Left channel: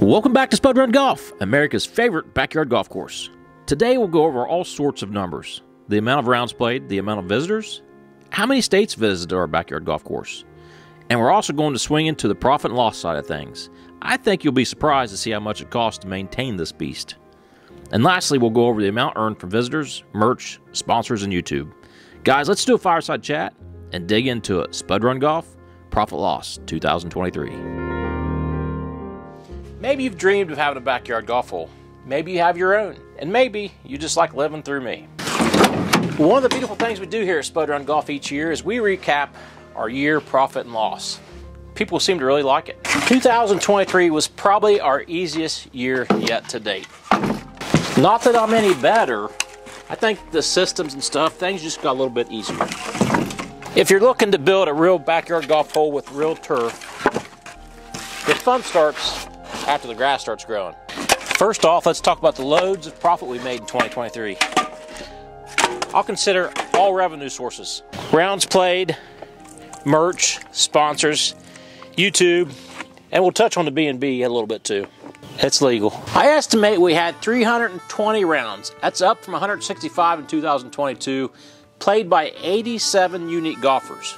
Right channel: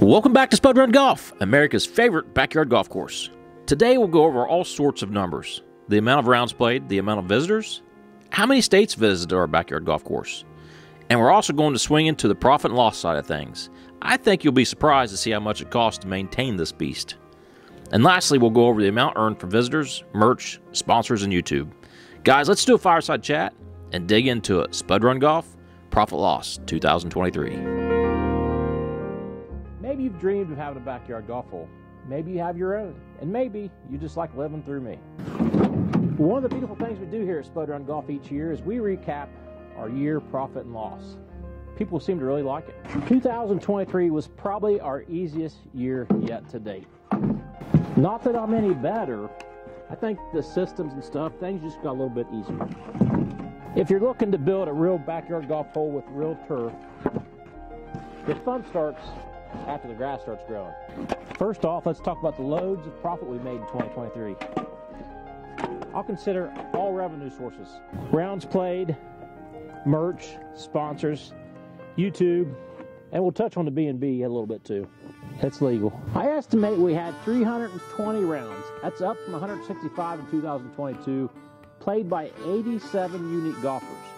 Welcome back to Spud Run Golf, America's favorite backyard golf course. Today we'll go over all sorts of numbers. The amount of rounds played, the amount of visitors, how many states visited our backyard golf course. And we're also going to swing into the profit and loss side of things. I think you'll be surprised to see how much it costs to maintain this beast. And lastly, we'll go over the amount earned from visitors, merch, sponsors, and YouTube. Guys, let's do a fireside chat and dig into it. Spud Run Golf, Profit Loss 2023. Maybe you've dreamed of having a backyard golf hole. Maybe you have your own. And maybe you just like living through me. One of the beautiful things we do here at Spud Run Golf each year is we recap our year profit and loss. People seem to really like it. 2023 was probably our easiest year yet to date. Not that I'm any better. I think the systems and stuff, things just got a little bit easier. If you're looking to build a real backyard golf hole with real turf, the fun starts after the grass starts growing. First off, let's talk about the loads of profit we made in 2023. I'll consider all revenue sources. Rounds played, merch, sponsors, YouTube, and we'll touch on the B&B a little bit too. It's legal. I estimate we had 320 rounds. That's up from 165 in 2022, played by 87 unique golfers.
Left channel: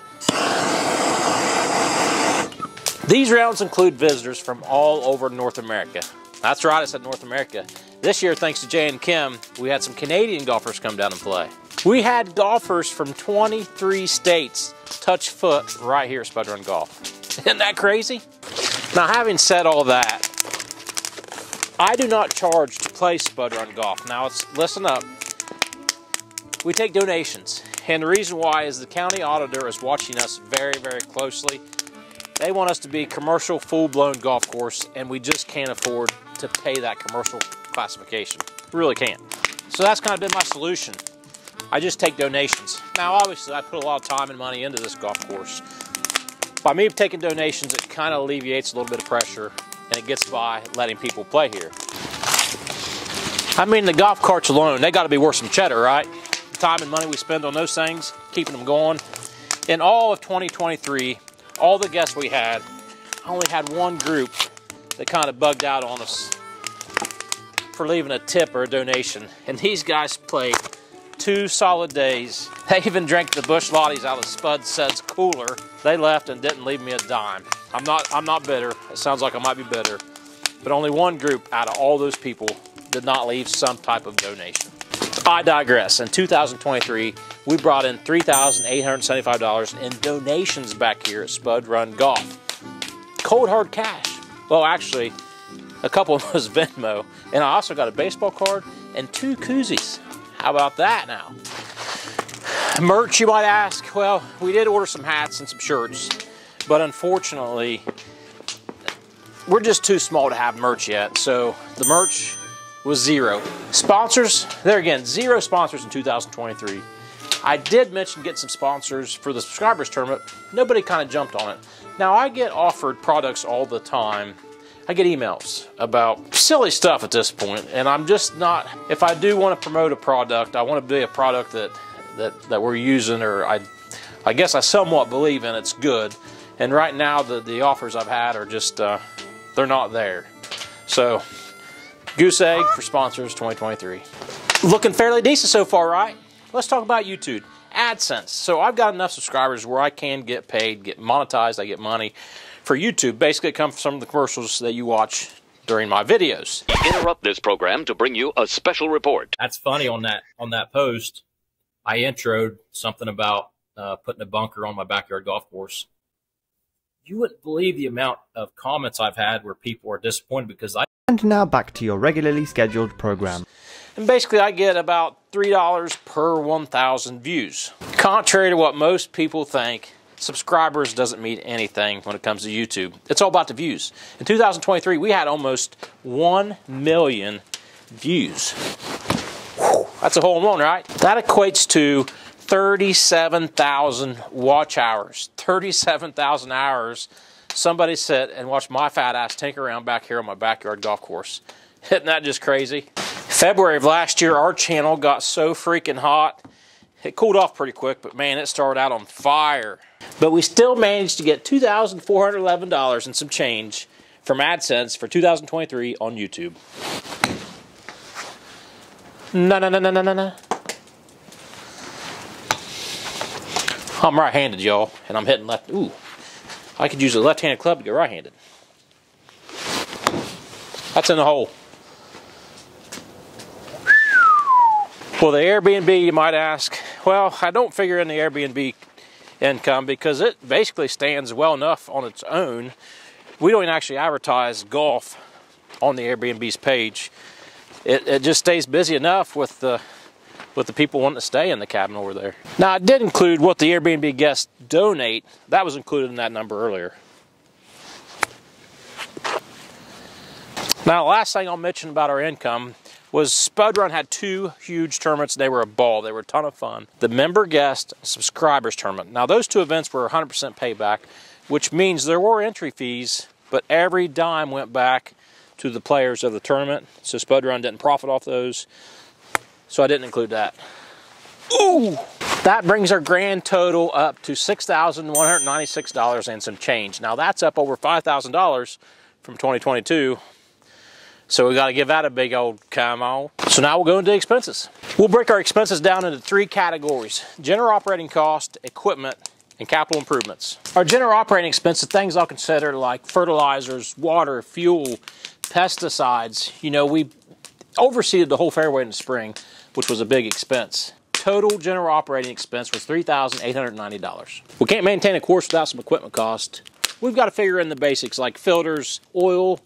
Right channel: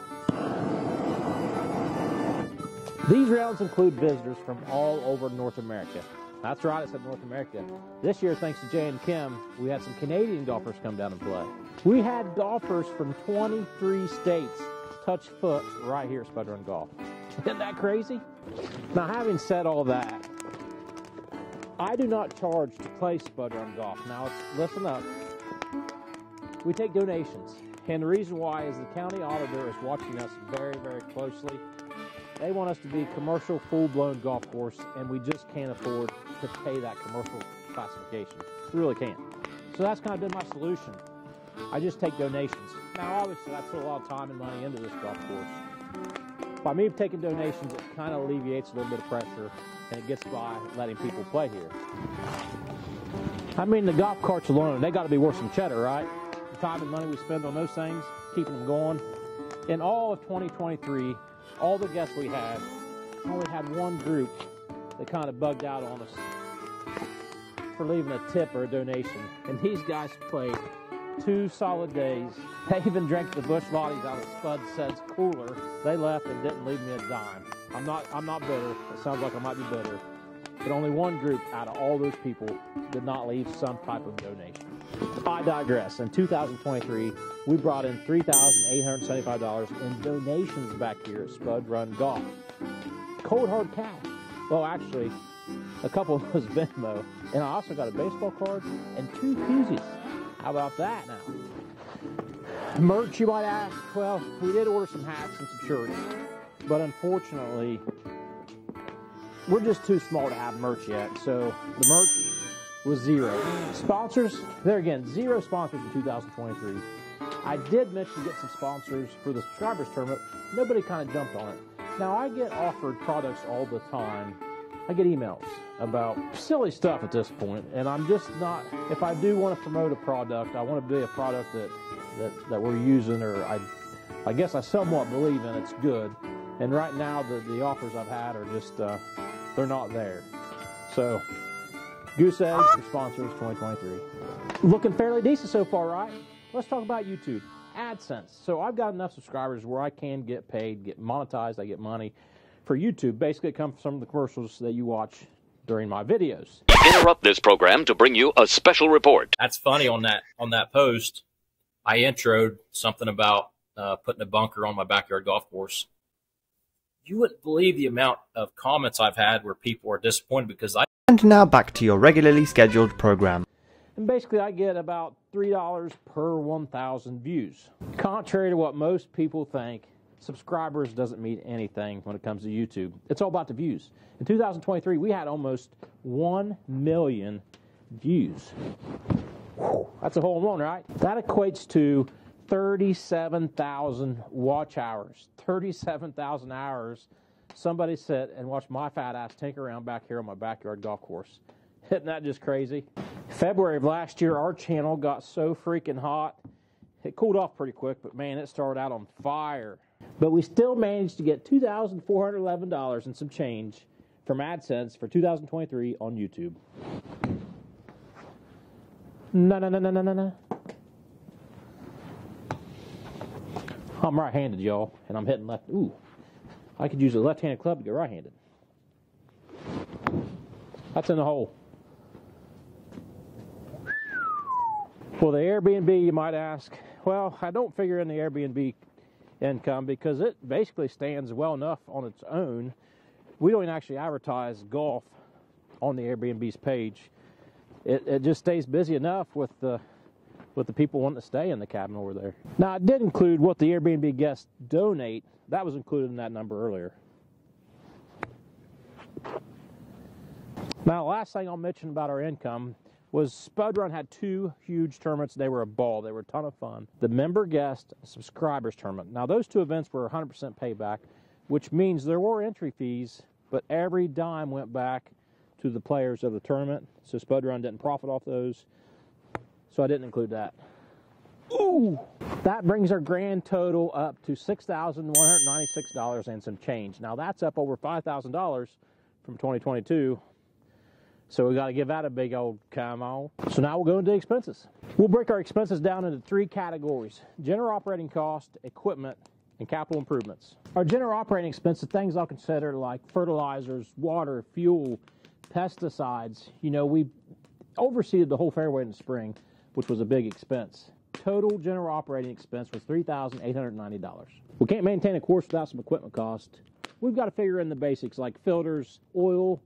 These rounds include visitors from all over North America. That's right, I said North America. This year, thanks to Jay and Kim, we had some Canadian golfers come down and play. We had golfers from 23 states touch foot right here at Spud Run Golf. Isn't that crazy? Now, having said all that, I do not charge to play Spud Run Golf. Now, listen up. We take donations, and the reason why is the county auditor is watching us very, very closely. They want us to be commercial, full-blown golf course, and we just can't afford to pay that commercial classification. We really can't. So that's kind of been my solution. I just take donations. Now, obviously, I put a lot of time and money into this golf course. By me taking donations, it kind of alleviates a little bit of pressure, and it gets by letting people play here. I mean, the golf carts alone, they got to be worth some cheddar, right? The time and money we spend on those things, keeping them going. In all of 2023, all the guests we had, I only had one group that kind of bugged out on us for leaving a tip or a donation. And these guys played 2 solid days. They even drank the Busch Lotties out of Spud Said's cooler. They left and didn't leave me a dime. I'm not bitter. It sounds like I might be bitter. But only one group out of all those people did not leave some type of donation. I digress. In 2023, we brought in $3,875 in donations back here at Spud Run Golf. Cold hard cash. Well, actually, a couple of them was Venmo. And I also got a baseball card and 2 koozies. How about that now? Merch, you might ask. Well, we did order some hats and some shirts. But unfortunately, we're just too small to have merch yet. So the merch was 0. Sponsors, there again, 0 sponsors in 2023. I did mention getting some sponsors for the subscribers tournament. Nobody kind of jumped on it. Now, I get offered products all the time. I get emails about silly stuff at this point, and I'm just not, if I do want to promote a product, I want to be a product that we're using, or I guess I somewhat believe in it's good. And right now, the offers I've had are just, they're not there. So, goose egg for sponsors 2023. Looking fairly decent so far, right? Let's talk about YouTube. AdSense. So I've got enough subscribers where I can get paid, get monetized, I get money for YouTube. Basically, it comes from some of the commercials that you watch during my videos. Interrupt this program to bring you a special report. That's funny on that post. I introed something about putting a bunker on my backyard golf course. You wouldn't believe the amount of comments I've had where people are disappointed because And now back to your regularly scheduled program. And basically, I get about $3 per 1,000 views. Contrary to what most people think, subscribers doesn't mean anything when it comes to YouTube. It's all about the views. In 2023, we had almost 1 million views. Whew, that's a hole in one, right? That equates to 37,000 watch hours. 37,000 hours somebody sit and watch my fat ass tinker around back here on my backyard golf course. Isn't that just crazy? February of last year, our channel got so freaking hot. It cooled off pretty quick, but man, it started out on fire. But we still managed to get $2,411 and some change from AdSense for 2023 on YouTube. No. I'm right-handed, y'all, and I'm hitting left. Ooh, I could use a left-handed club to get right-handed. That's in the hole. Well, the Airbnb, you might ask. Well, I don't figure in the Airbnb income because it basically stands well enough on its own. We don't even actually advertise golf on the Airbnb's page. It just stays busy enough with the people wanting to stay in the cabin over there. Now, I did include what the Airbnb guests donate. That was included in that number earlier. Now, the last thing I'll mention about our income was Spud Run had 2 huge tournaments. They were a ball. They were a ton of fun. The member guest subscribers tournament. Now, those 2 events were 100% payback, which means there were entry fees, but every dime went back to the players of the tournament. So Spud Run didn't profit off those. So I didn't include that. Ooh! That brings our grand total up to $6,196 and some change. Now, that's up over $5,000 from 2022. So we got to give that a big old come on. So now we'll go into expenses. We'll break our expenses down into 3 categories: general operating cost, equipment, and capital improvements. Our general operating expenses, things I'll consider like fertilizers, water, fuel, pesticides. You know, we overseeded the whole fairway in the spring, which was a big expense. Total general operating expense was $3,890. We can't maintain a course without some equipment cost. We've got to figure in the basics like filters, oil,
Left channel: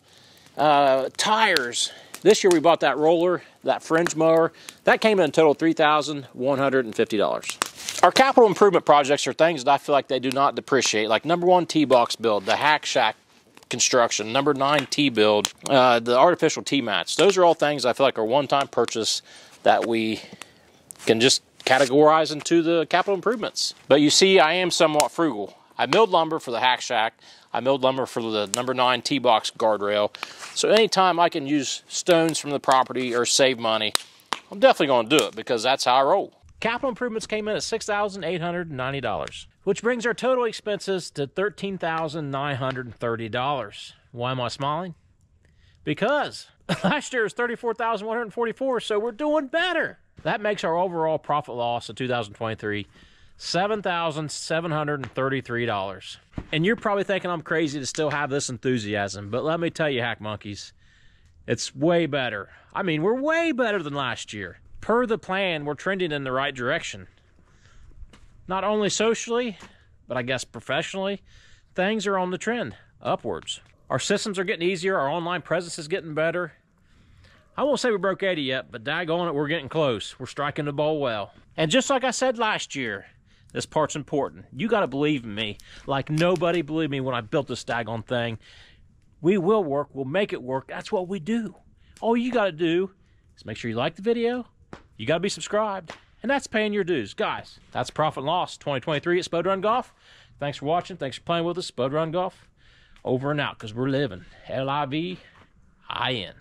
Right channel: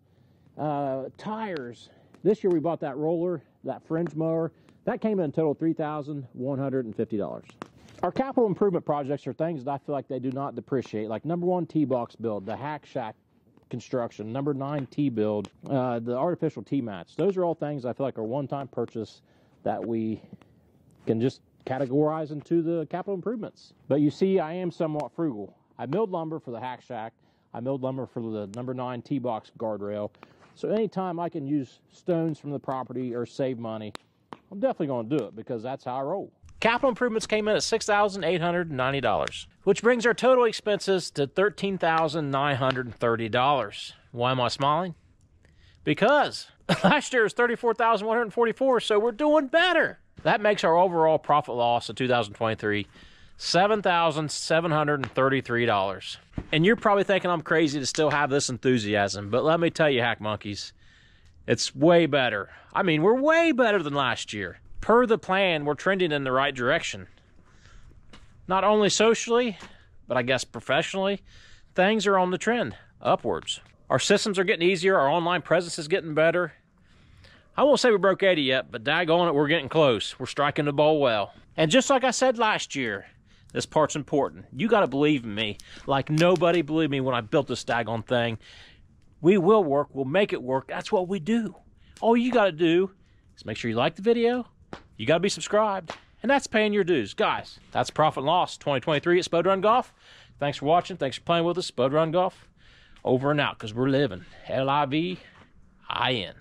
tires. This year we bought that roller, that fringe mower. That came in a total of $3,150. Our capital improvement projects are things that I feel like they do not depreciate, like number 1 tee box build, the hack shack construction, number 9 tee build, the artificial tee mats. Those are all things I feel like are one-time purchase that we can just categorize into the capital improvements. But you see, I am somewhat frugal. I milled lumber for the hack shack. I milled lumber for the number 9 tee box guardrail. So anytime I can use stones from the property or save money, I'm definitely going to do it because that's how I roll. Capital improvements came in at $6,890, which brings our total expenses to $13,930. Why am I smiling? Because last year was $34,144, so we're doing better. That makes our overall profit loss of 2023 $7,733. And you're probably thinking I'm crazy to still have this enthusiasm, but let me tell you, hack monkeys, it's way better. I mean, we're way better than last year. Per the plan, we're trending in the right direction. Not only socially, but I guess professionally, things are on the trend, upwards. Our systems are getting easier, our online presence is getting better. I won't say we broke 80 yet, but daggone it, we're getting close. We're striking the ball well. And just like I said last year, this part's important. You got to believe in me like nobody believed me when I built this daggone thing. We will work. We'll make it work. That's what we do. All you got to do is make sure you like the video. You got to be subscribed. And that's paying your dues. Guys, that's Profit and Loss 2023 at Spud Run Golf. Thanks for watching. Thanks for playing with us. Spud Run Golf. Over and out because we're living. L-I-V-I-N.